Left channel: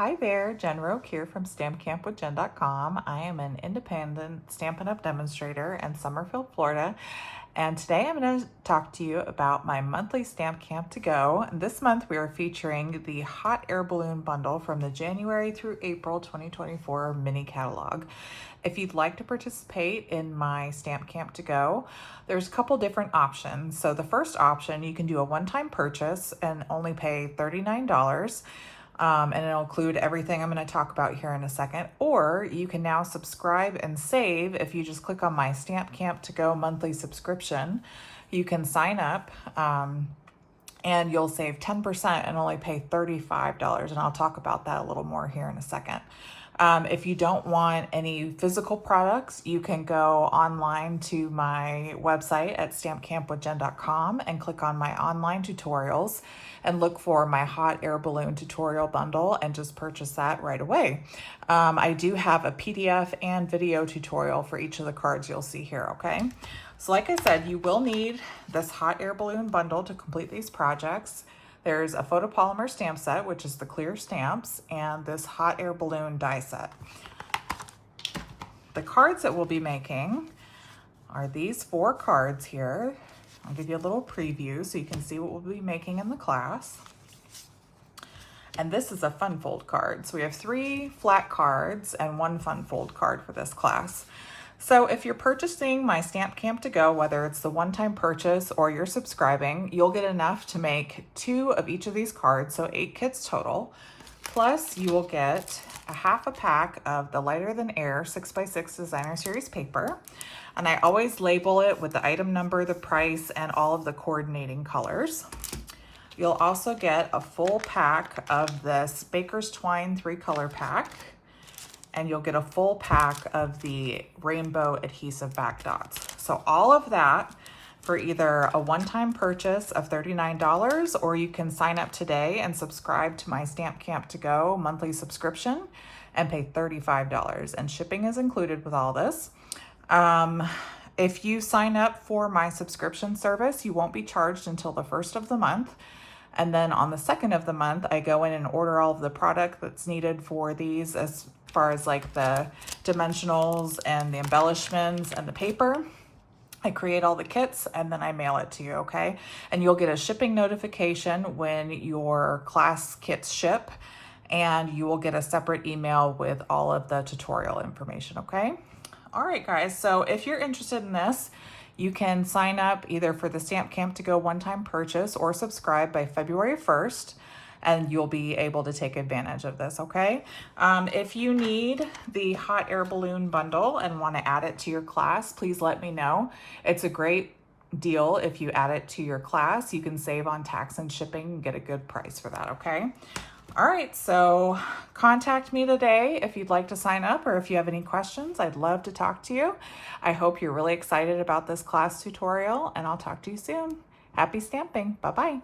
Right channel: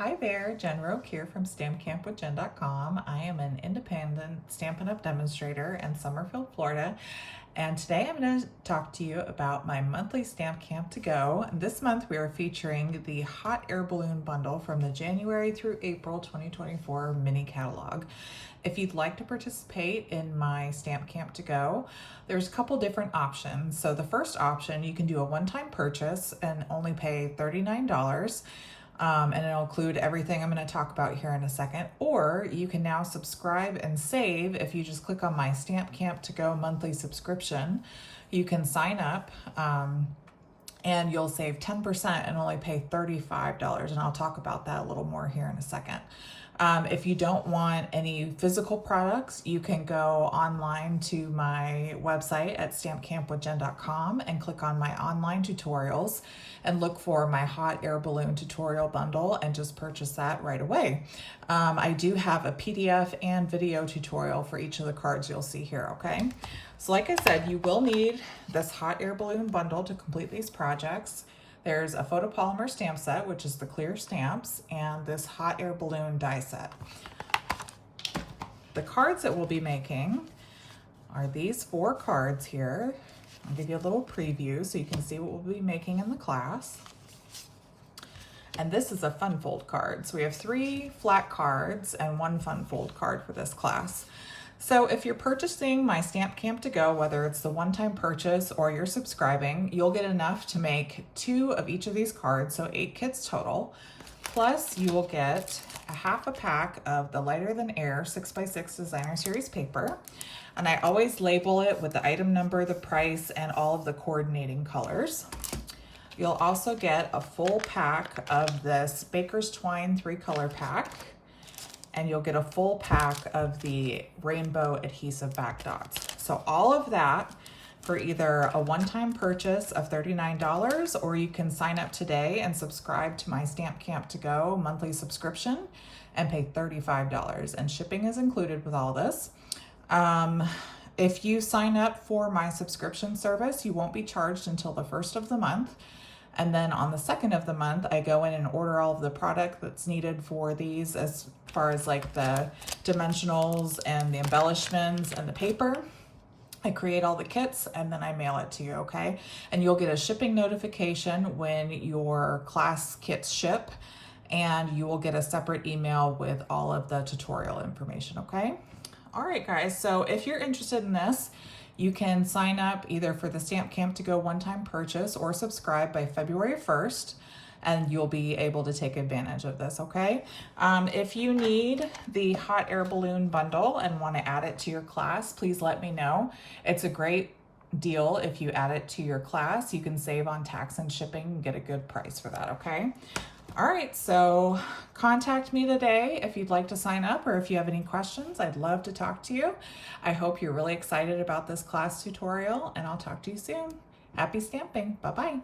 Hi there, Jen Roque here from StampCampWithJen.com. I am an independent Stampin' Up! Demonstrator in Summerfield, Florida, and today I'm going to talk to you about my monthly Stamp Camp to Go. This month we are featuring the Hot Air Balloon Bundle from the January through April 2024 mini catalog. If you'd like to participate in my Stamp Camp to Go, there's a couple different options. So the first option, you can do a one-time purchase and only pay $39. And it'll include everything I'm going to talk about here in a second. Or you can now subscribe and save. If you just click on my Stamp Camp to Go monthly subscription, you can sign up and you'll save 10% and only pay $35. And I'll talk about that a little more here in a second. If you don't want any physical products, you can go online to my website at stampcampwithjen.com and click on my online tutorials and look for my Hot Air Balloon tutorial bundle and just purchase that right away. I do have a PDF and video tutorial for each of the cards you'll see here, okay? So like I said, you will need this Hot Air Balloon bundle to complete these projects. There's a photopolymer stamp set, which is the clear stamps, and this Hot Air Balloon die set. The cards that we'll be making are these 4 cards here. I'll give you a little preview so you can see what we'll be making in the class. And this is a fun fold card. So we have 3 flat cards and 1 fun fold card for this class. So if you're purchasing my Stamp Camp to Go, whether it's the one-time purchase or you're subscribing, you'll get enough to make 2 of each of these cards, so 8 kits total. Plus you will get a half a pack of the Lighter Than Air 6x6 Designer Series paper. And I always label it with the item number, the price, and all of the coordinating colors. You'll also get a full pack of this Baker's Twine 3-color pack. And you'll get a full pack of the rainbow adhesive back dots. So all of that for either a one-time purchase of $39, or you can sign up today and subscribe to my Stamp Camp to Go monthly subscription and pay $35. And shipping is included with all this. If you sign up for my subscription service, you won't be charged until the 1st of the month. And then on the 2nd of the month, I go in and order all of the product that's needed for these, as far as like the dimensionals and the embellishments and the paper. I create all the kits and then I mail it to you, okay? And you'll get a shipping notification when your class kits ship, and you will get a separate email with all of the tutorial information, okay? All right, guys, so if you're interested in this, you can sign up either for the Stamp Camp to Go one-time purchase or subscribe by February 1st, and you'll be able to take advantage of this, okay? If you need the Hot Air Balloon bundle and want to add it to your class, please let me know. It's a great deal if you add it to your class. You can save on tax and shipping and get a good price for that, okay? All right, so contact me today if you'd like to sign up, or if you have any questions. I'd love to talk to you. I hope you're really excited about this class tutorial, and I'll talk to you soon. Happy stamping. Bye-bye.